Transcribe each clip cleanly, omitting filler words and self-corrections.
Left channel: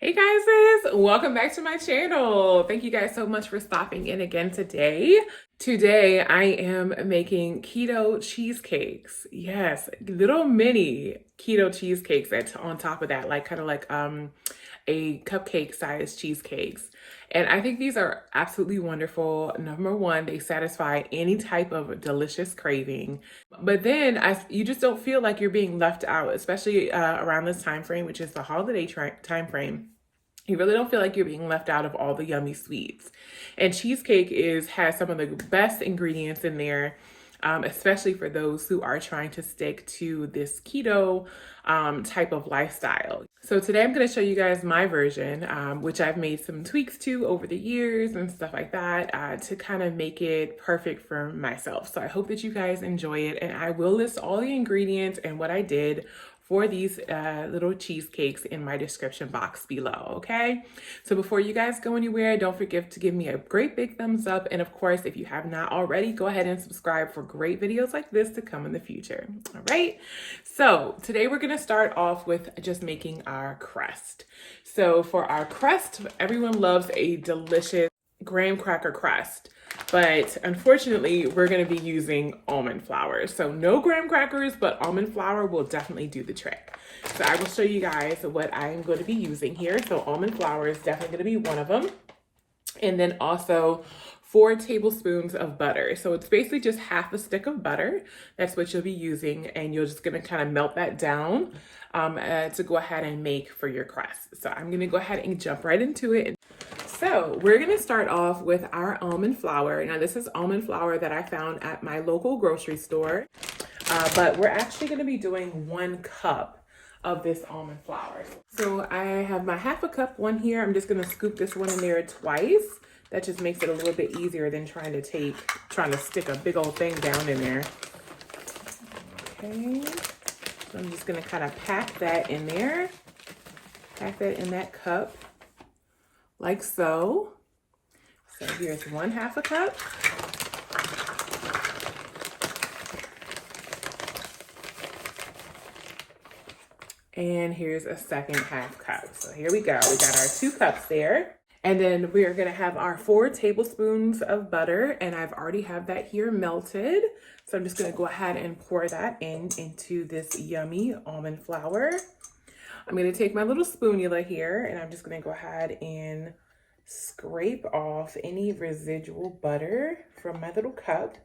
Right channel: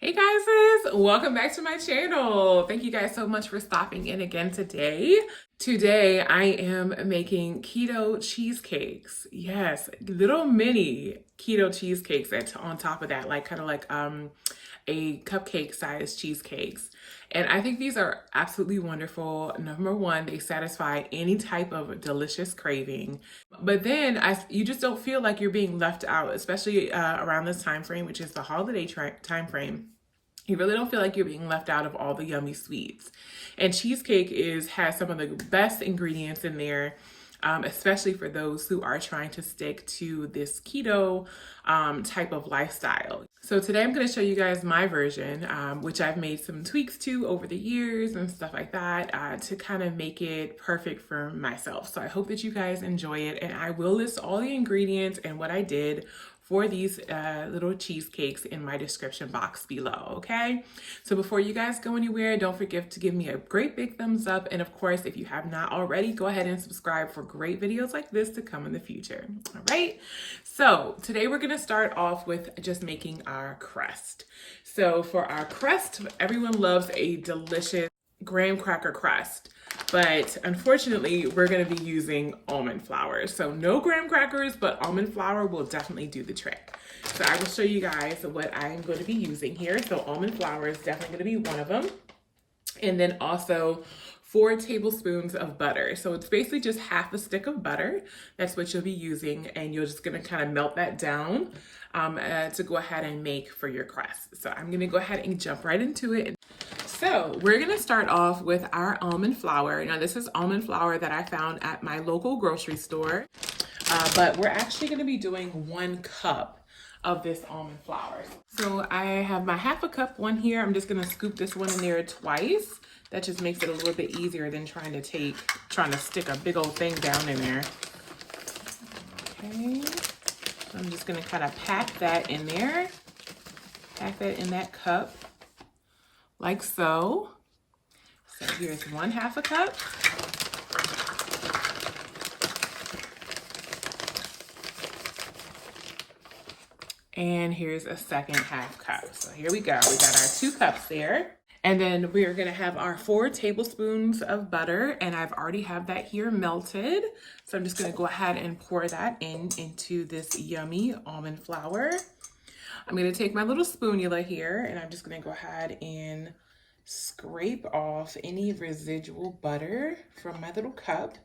Hey guys, welcome back to my channel. Thank you guys so much for stopping in again today. Today I am making keto cheesecakes. Yes, little mini keto cheesecakes on top of that, like kind of like a cupcake sized cheesecakes. And I think these are absolutely wonderful. Number one, they satisfy any type of delicious craving. But then you just don't feel like you're being left out, especially around this time frame, which is the holiday time frame. You really don't feel like you're being left out of all the yummy sweets. And cheesecake has some of the best ingredients in there, especially for those who are trying to stick to this keto type of lifestyle. So today I'm going to show you guys my version, which I've made some tweaks to over the years and stuff like that to kind of make it perfect for myself. So I hope that you guys enjoy it, and I will list all the ingredients and what I did for these little cheesecakes in my description box below, okay? So before you guys go anywhere, don't forget to give me a great big thumbs up. And of course, if you have not already, go ahead and subscribe for great videos like this to come in the future, all right? So today we're gonna start off with just making our crust. So for our crust, everyone loves a delicious graham cracker crust. But unfortunately, we're going to be using almond flour. So no graham crackers, but almond flour will definitely do the trick. So I will show you guys what I'm going to be using here. So almond flour is definitely going to be one of them. And then also 4 tablespoons of butter. So it's basically just half a stick of butter. That's what you'll be using. And you're just going to kind of melt that down to go ahead and make for your crust. So I'm going to go ahead and jump right into it. So we're gonna start off with our almond flour. Now this is almond flour that I found at my local grocery store, but we're actually gonna be doing 1 cup of this almond flour. So I have my half a cup one here. I'm just gonna scoop this one in there twice. That just makes it a little bit easier than trying to stick a big old thing down in there. Okay, so I'm just gonna kind of pack that in there, pack that in that cup. Like so. So here's 1/2 a cup. And here's a second half cup. So here we go. We got our 2 cups there. And then we are gonna have our 4 tablespoons of butter, and I've already have that here melted. So I'm just gonna go ahead and pour that into this yummy almond flour. I'm gonna take my little spoonula here, and I'm just gonna go ahead and scrape off any residual butter from my little cup.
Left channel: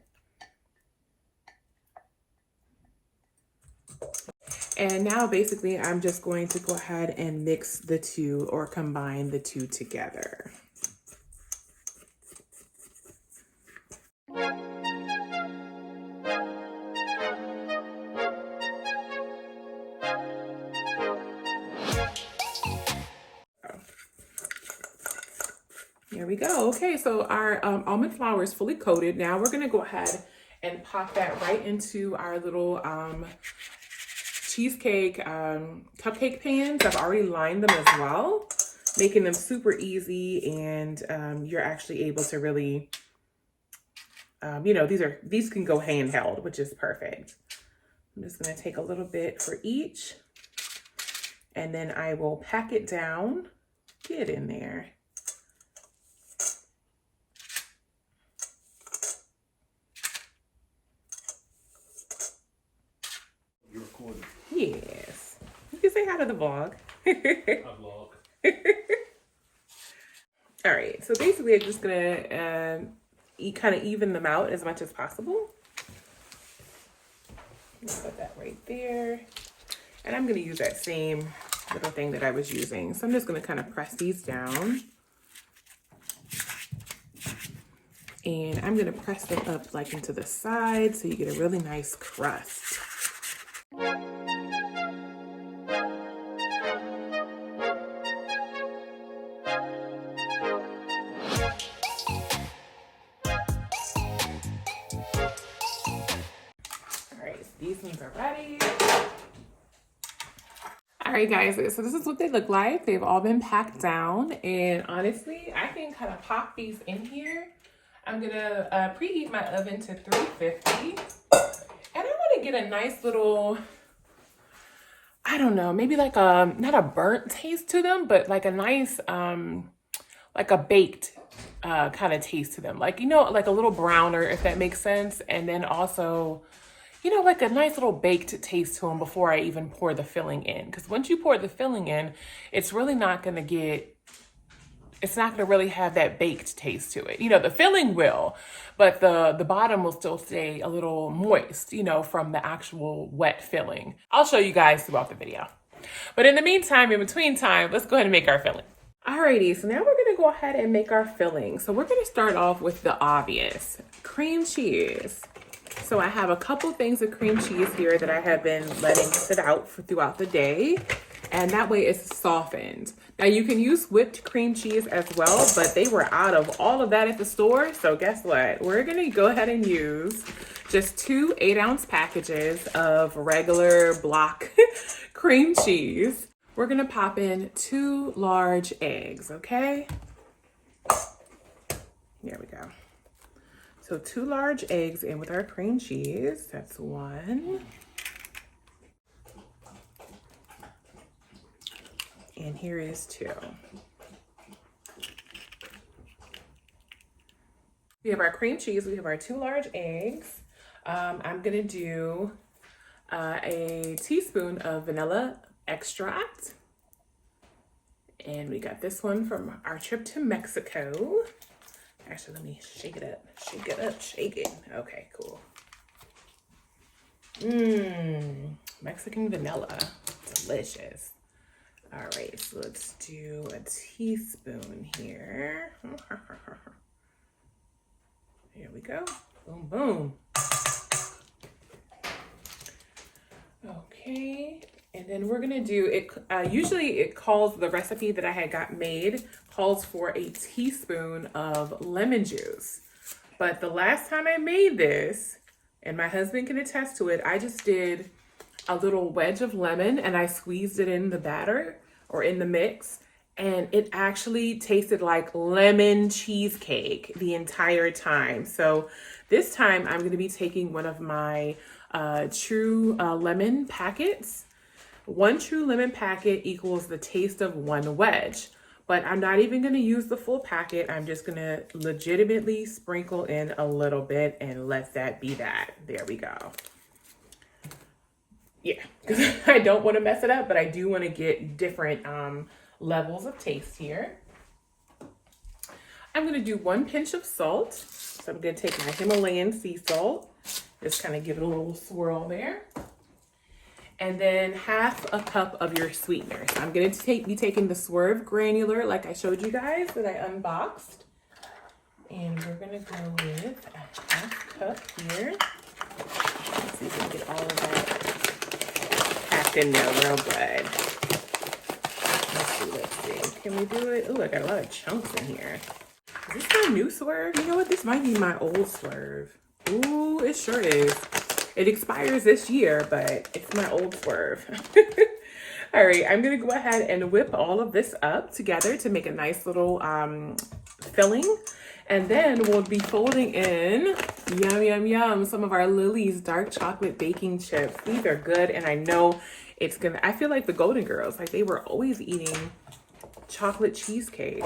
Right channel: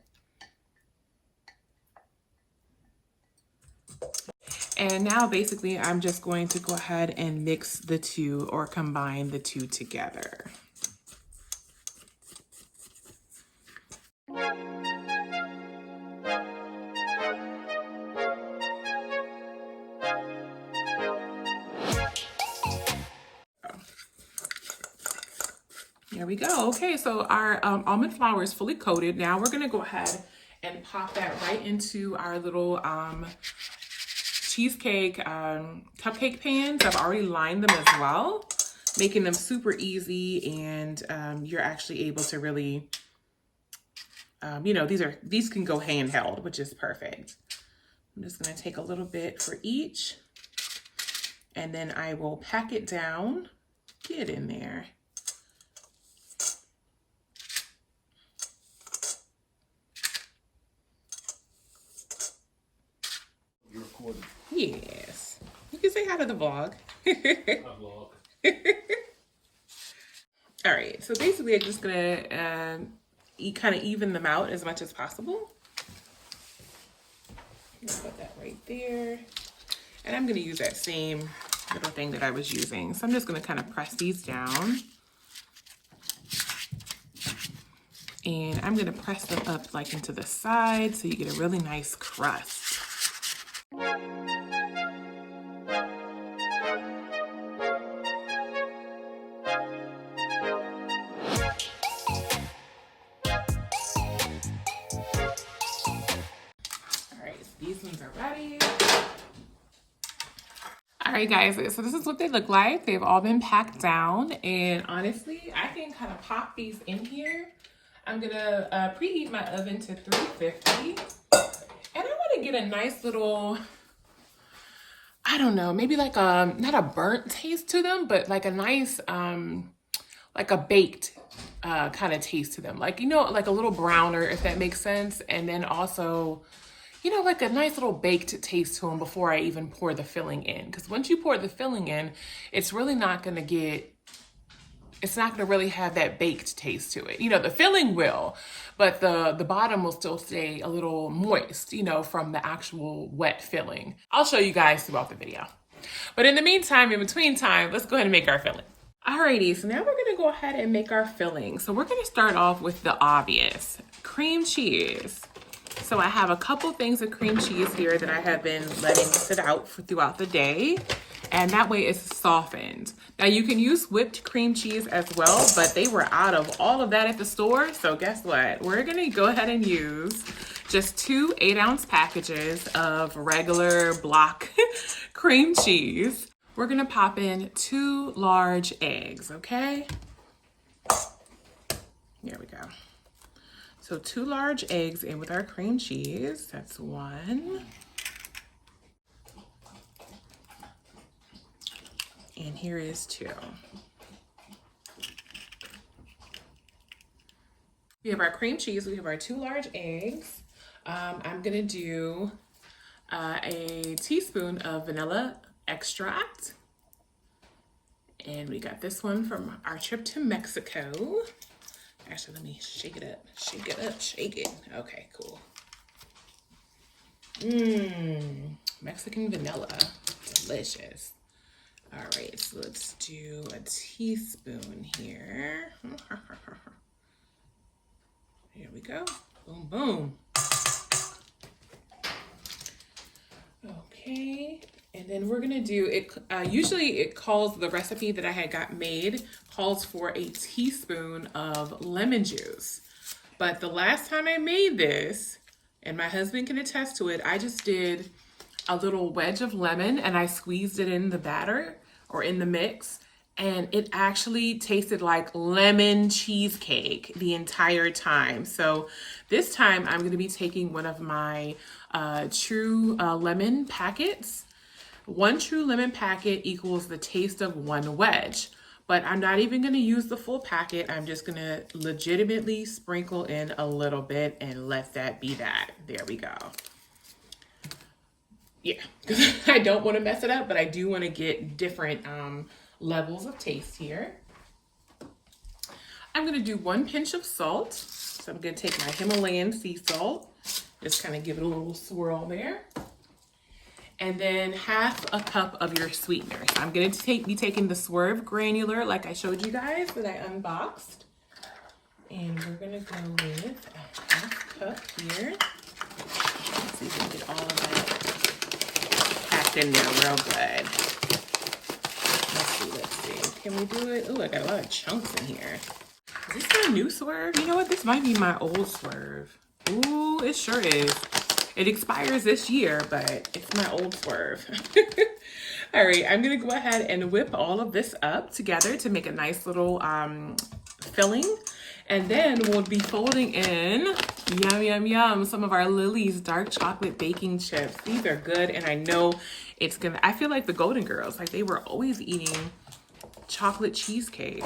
And now basically I'm just going to go ahead and mix the two, or combine the two together. There we go. Okay, so our almond flour is fully coated. Now we're gonna go ahead and pop that right into our little cheesecake cupcake pans. I've already lined them as well, making them super easy, and you're actually able to really, these can go handheld, which is perfect. I'm just gonna take a little bit for each, and then I will pack it down, get in there. Yes. You can say hi to the vlog. All right. So basically, I'm just going to kind of even them out as much as possible. Put that right there. And I'm going to use that same little thing that I was using. So I'm just going to kind of press these down. And I'm going to press them up like into the side so you get a really nice crust. These ones are ready. All right, guys, so this is what they look like. They've all been packed down, and honestly, I can kind of pop these in here. I'm gonna preheat my oven to 350, and I want to get a nice little I don't know, maybe like a, not a burnt taste to them, but like a nice, like a baked kind of taste to them. Like, you know, like a little browner, if that makes sense. And then also, you know, like a nice little baked taste to them before I even pour the filling in. Because once you pour the filling in, it's really not going to get, it's not going to really have that baked taste to it. You know, the filling will, but the bottom will still stay a little moist, you know, from the actual wet filling. I'll show you guys throughout the video. But in the meantime, in between time, let's go ahead and make our filling. Alrighty, so now we're gonna go ahead and make our filling. So we're gonna start off with the obvious, cream cheese. So I have a couple things of cream cheese here that I have been letting sit out throughout the day, and that way it's softened. Now you can use whipped cream cheese as well, but they were out of all of that at the store. So guess what? We're gonna go ahead and use just 2 8-ounce packages of regular block cream cheese. We're gonna pop in 2 large eggs, okay? There we go. So 2 large eggs in with our cream cheese. That's 1. And here is 2. We have our cream cheese, we have our 2 large eggs. I'm gonna do a teaspoon of vanilla extract. And we got this one from our trip to Mexico. Actually, let me shake it up, shake it up, shake it. Okay, cool. Mexican vanilla, delicious. All right, so let's do a teaspoon here. Here we go, boom, boom. Okay, and then we're gonna do it. Usually it calls, the recipe that I had got made calls for a teaspoon of lemon juice. But the last time I made this, and my husband can attest to it, I just did a little wedge of lemon and I squeezed it in the batter or in the mix. And it actually tasted like lemon cheesecake the entire time. So this time I'm gonna be taking one of my true lemon packets. 1 true lemon packet equals the taste of 1 wedge. But I'm not even gonna use the full packet. I'm just gonna legitimately sprinkle in a little bit and let that be that. There we go. Yeah, because I don't wanna mess it up, but I do wanna get different levels of taste here. I'm gonna do 1 pinch of salt. So I'm gonna take my Himalayan sea salt, just kind of give it a little swirl there. And then 1/2 cup of your sweetener. So I'm gonna be taking the Swerve granular like I showed you guys that I unboxed. And we're gonna go with a 1/2 cup here. Let's see if we can get all of that packed in there real good. Let's see. Can we do it? Oh, I got a lot of chunks in here. Is this my new Swerve? You know what? This might be my old Swerve. Ooh, it sure is. It expires this year, but it's my old Swerve. All right, I'm gonna go ahead and whip all of this up together to make a nice little filling. And then we'll be folding in, yum, yum, yum, some of our Lily's dark chocolate baking chips. These are good, and I know it's gonna, I feel like the Golden Girls, like they were always eating chocolate cheesecake.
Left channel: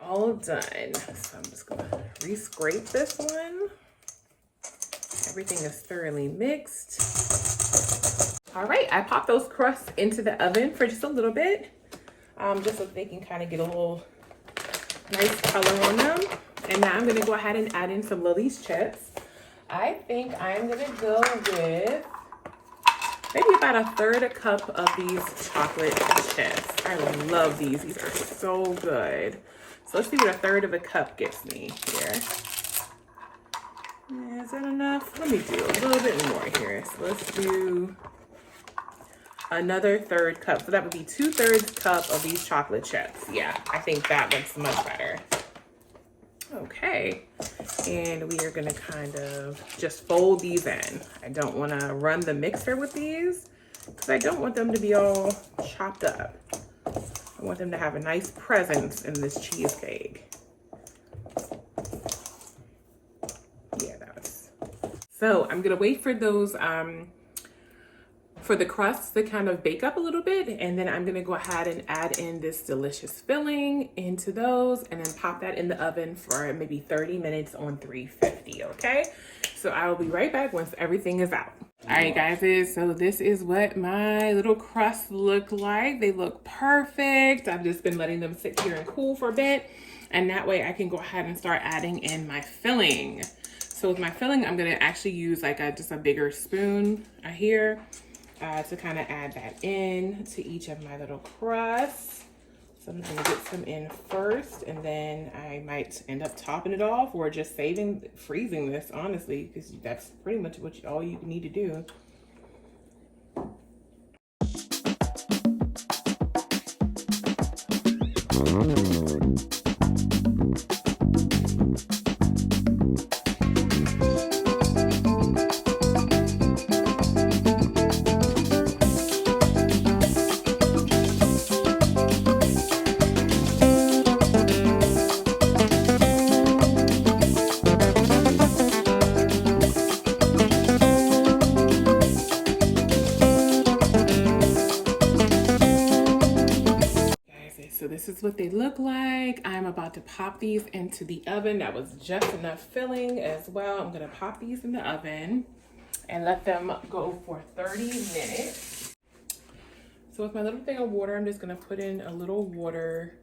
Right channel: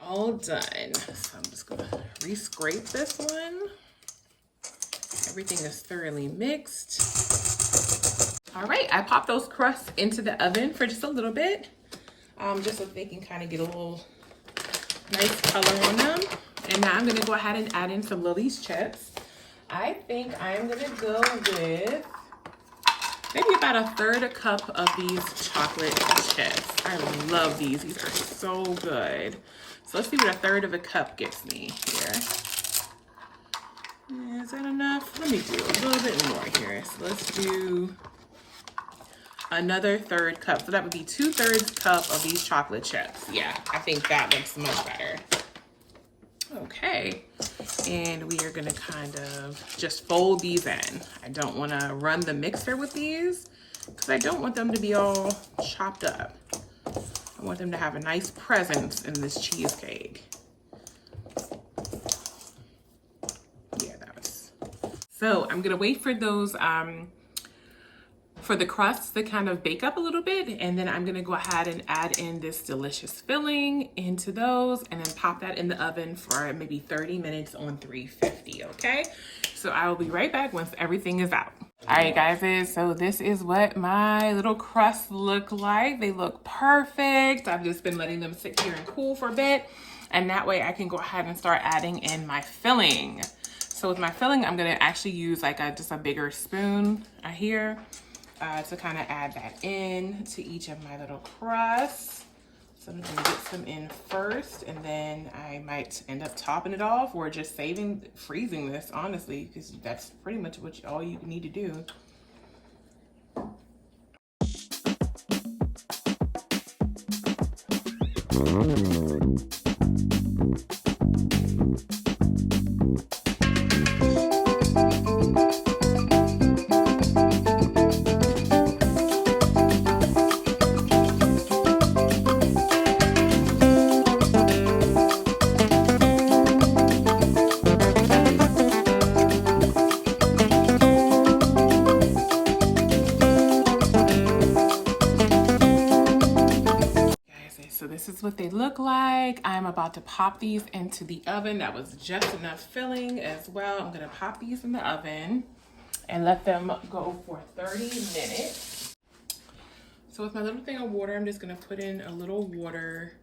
All done. So I'm just gonna re-scrape this one. Everything is thoroughly mixed. All right, I popped those crusts into the oven for just a little bit, just so they can kind of get a little nice color on them. And now I'm gonna go ahead and add in some Lily's chips. I think I'm gonna go with maybe about 1/3 cup of these chocolate chips. I love these. These are so good. So let's see what 1/3 cup gets me here. Is that enough? Let me do a little bit more here. So let's do another 1/3 cup. So that would be 2/3 cup of these chocolate chips. Yeah, I think that looks much better. Okay, and we are gonna kind of just fold these in. I don't wanna run the mixer with these because I don't want them to be all chopped up. I want them to have a nice presence in this cheesecake. Yeah, that was. So I'm gonna wait for those, for the crust to kind of bake up a little bit, and then I'm gonna go ahead and add in this delicious filling into those and then pop that in the oven for maybe 30 minutes on 350, okay? So I will be right back once everything is out. All right, guys, so this is what my little crusts look like. They look perfect. I've just been letting them sit here and cool for a bit, and that way I can go ahead and start adding in my filling. So with my filling, I'm gonna actually use like just a bigger spoon here to kind of add that in to each of my little crusts. So I'm gonna get some in first, and then I might end up topping it off or just freezing this, honestly, because that's pretty much all you need to do. So this is what they look like. I'm about to pop these into the oven. That was just enough filling as well. I'm gonna pop these in the oven and let them go for 30 minutes. So with my little thing of water, I'm just gonna put in a little water.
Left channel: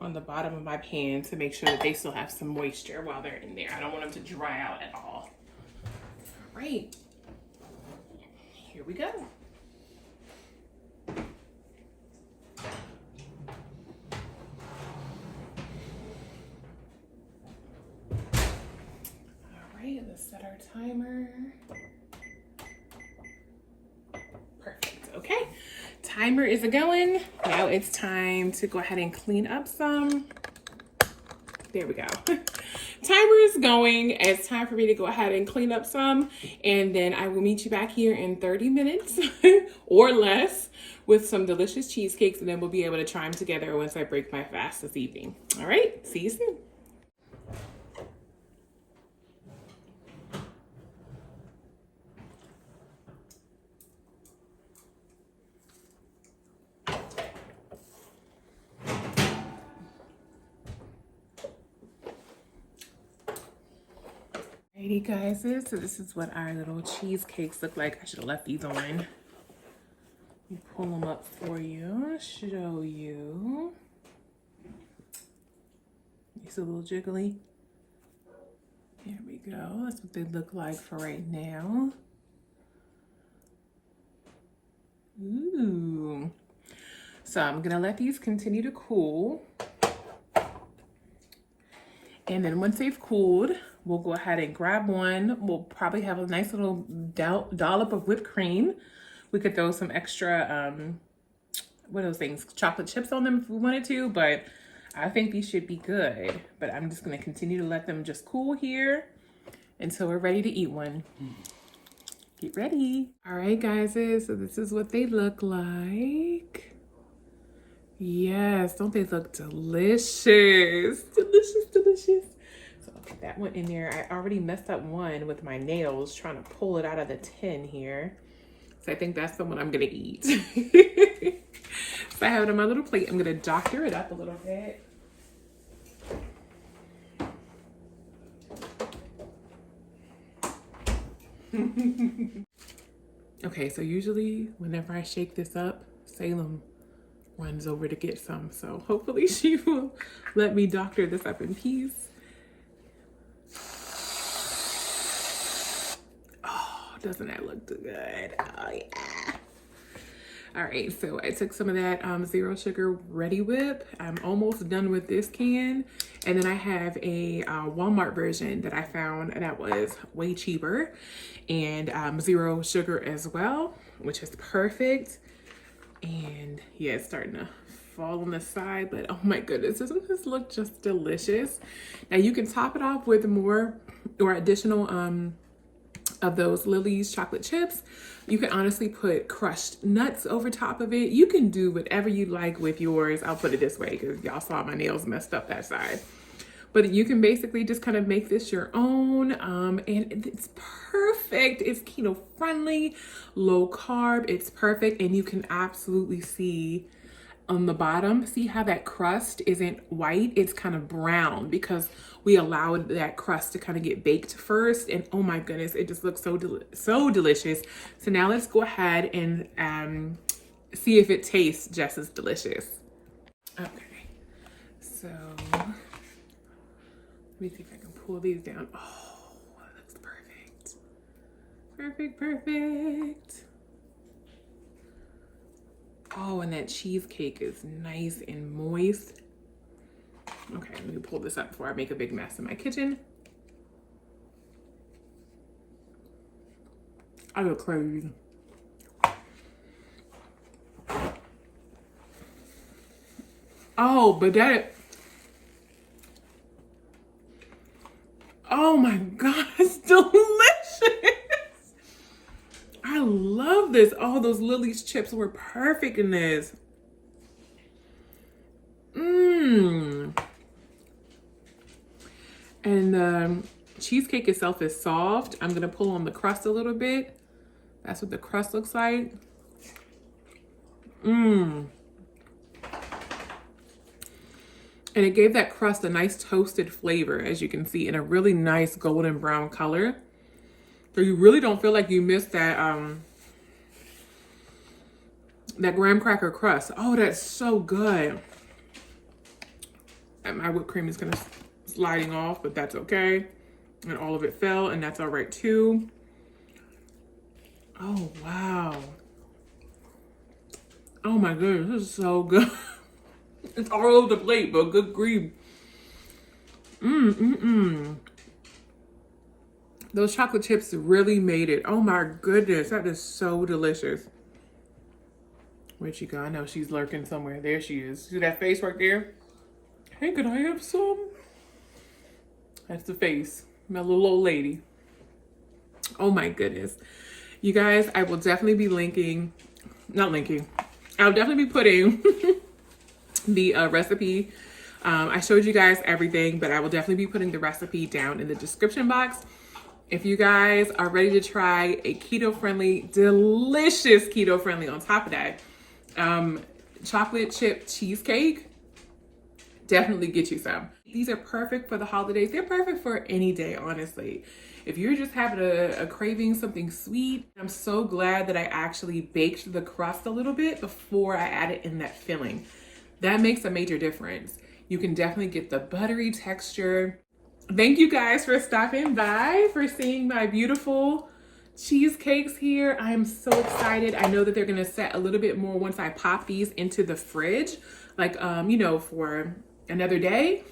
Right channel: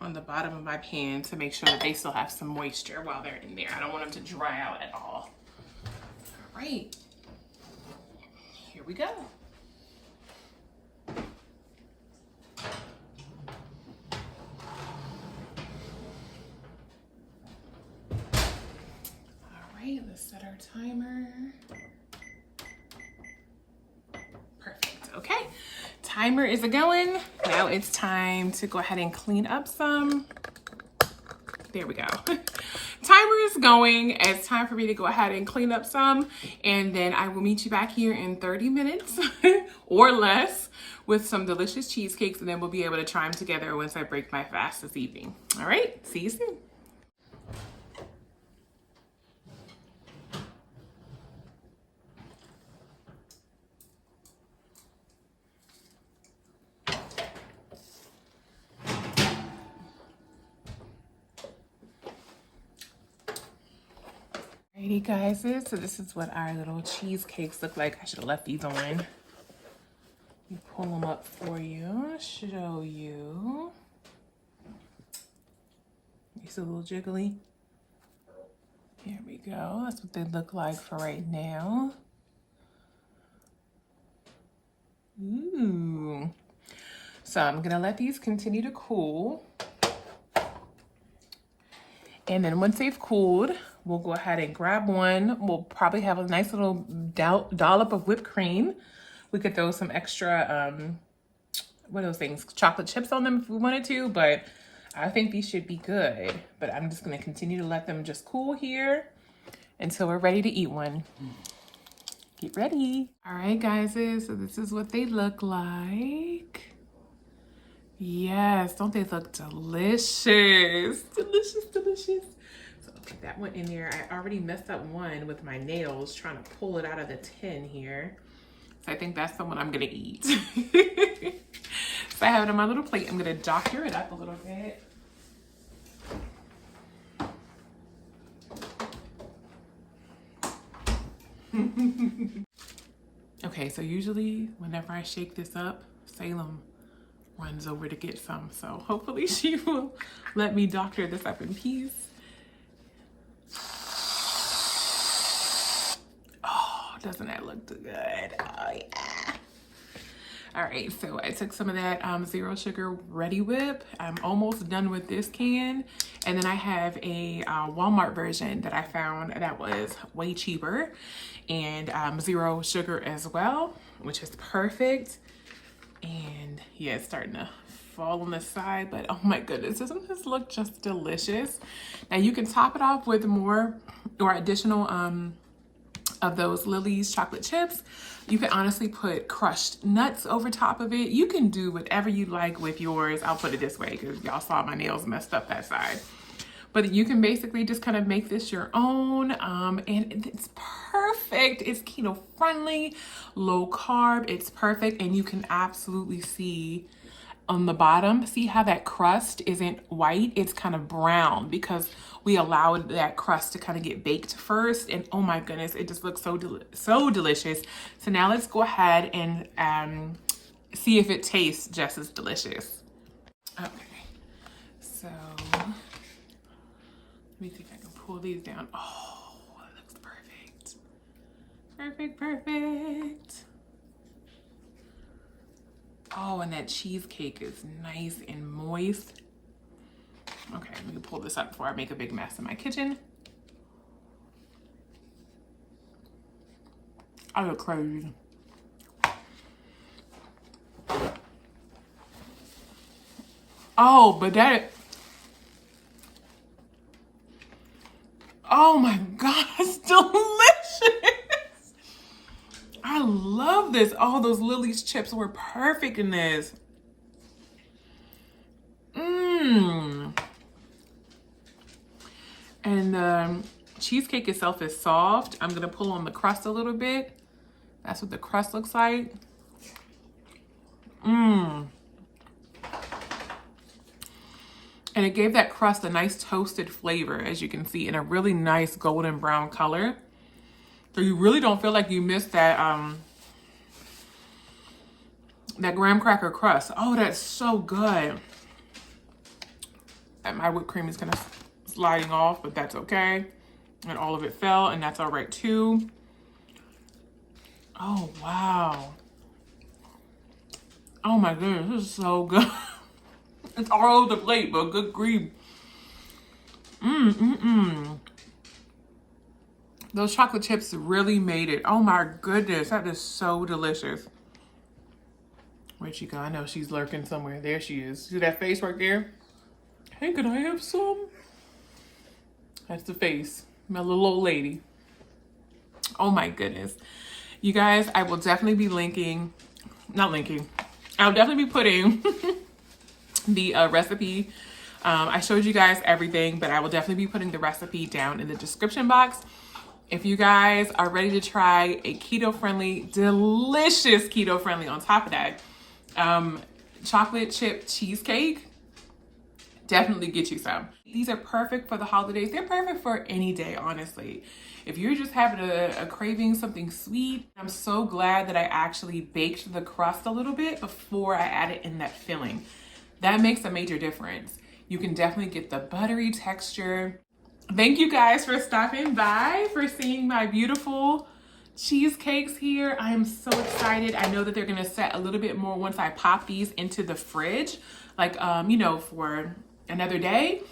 On the bottom of my pan to make sure that they still have some moisture while they're in there. I don't want them to dry out at all. All right. Here we go. All right, let's set our timer. Perfect, okay. Timer is going. Now it's time to go ahead and clean up some. There we go. Timer is going. It's time for me to go ahead and clean up some, and then I will meet you back here in 30 minutes or less with some delicious cheesecakes, and then we'll be able to try them together once I break my fast this evening. All right, see you soon. Alrighty, guys, so this is what our little cheesecakes look like. I should have left these on. Let me pull them up for you, show you. It's a little jiggly. There we go. That's what they look like for right now. Ooh. So I'm gonna let these continue to cool. And then once they've cooled, we'll go ahead and grab one. We'll probably have a nice little dollop of whipped cream. We could throw some extra, what are those things? Chocolate chips on them if we wanted to, but I think these should be good. But I'm just gonna continue to let them just cool here until we're ready to eat one. Get ready. All right, guys, so this is what they look like. Yes, don't they look delicious? Delicious, delicious. So I'll put that one in there. I already messed up one with my nails trying to pull it out of the tin here. So I think that's the one I'm gonna eat. So I have it on my little plate. I'm gonna doctor it up a little bit. Okay, so usually whenever I shake this up, Salem runs over to get some, so hopefully she will let me doctor this up in peace. Oh, doesn't that look good? Oh yeah. All right, so I took some of that zero sugar Ready Whip. I'm almost done with this can, and then I have a Walmart version that I found that was way cheaper and zero sugar as well, which is perfect. And yeah, it's starting to fall on the side, but oh my goodness, doesn't this look just delicious? Now you can top it off with more or additional of those Lily's chocolate chips. You can honestly put crushed nuts over top of it. You can do whatever you like with yours. I'll put it this way because y'all saw my nails messed up that side. But you can basically just kind of make this your own, and it's perfect. It's keto friendly, low carb. It's perfect, and you can absolutely see on the bottom, see how that crust isn't white? It's kind of brown because we allowed that crust to kind of get baked first. And oh my goodness, it just looks so delicious. So now let's go ahead and see if it tastes just as delicious. Okay, so let me see if I can pull these down. Oh, that looks perfect. Perfect, perfect. Oh, and that cheesecake is nice and moist. Okay, let me pull this up before I make a big mess in my kitchen. I look crazy. Oh, but that, oh my God, it's delicious. I love this. All those Lily's chips were perfect in this. And the cheesecake itself is soft. I'm gonna pull on the crust a little bit. That's what the crust looks like. And it gave that crust a nice toasted flavor, as you can see, in a really nice golden brown color. So you really don't feel like you missed that that graham cracker crust. Oh, that's so good. And my whipped cream is kind of sliding off, but that's okay. And all of it fell, and that's all right too. Oh, wow. Oh my goodness, this is so good. It's all over the plate, but good grief. Those chocolate chips really made it. Oh my goodness, that is so delicious. Where'd she go? I know she's lurking somewhere. There she is. See that face right there? Hey, can I have some? That's the face. My little old lady. Oh my goodness. You guys, I will definitely be I'll definitely be putting the recipe. I showed you guys everything, but I will definitely be putting the recipe down in the description box. If you guys are ready to try a keto-friendly, delicious keto-friendly on top of that, chocolate chip cheesecake, definitely get you some. These are perfect for the holidays. They're perfect for any day, honestly. If you're just having a craving something sweet, I'm so glad that I actually baked the crust a little bit before I added in that filling. That makes a major difference. You can definitely get the buttery texture. Thank you guys for stopping by, for seeing my beautiful cheesecakes here. I am so excited. I know that they're gonna set a little bit more once I pop these into the fridge, like, you know, for another day.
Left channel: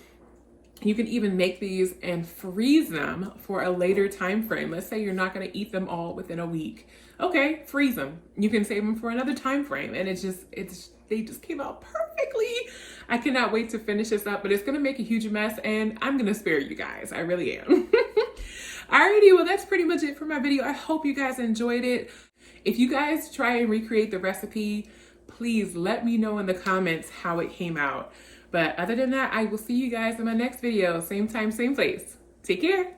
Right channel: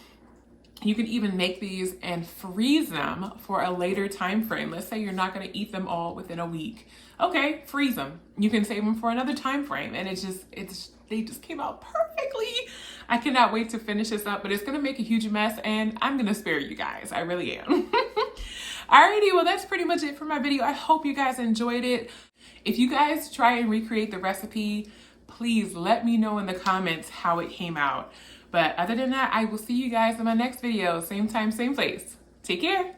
You can even make these and freeze them for a later time frame. Let's say you're not gonna eat them all within a week. Okay, freeze them. You can save them for another time frame. And they just came out perfectly. I cannot wait to finish this up, but it's gonna make a huge mess and I'm gonna spare you guys. I really am. Alrighty, well, that's pretty much it for my video. I hope you guys enjoyed it. If you guys try and recreate the recipe, please let me know in the comments how it came out. But other than that, I will see you guys in my next video. Same time, same place. Take care.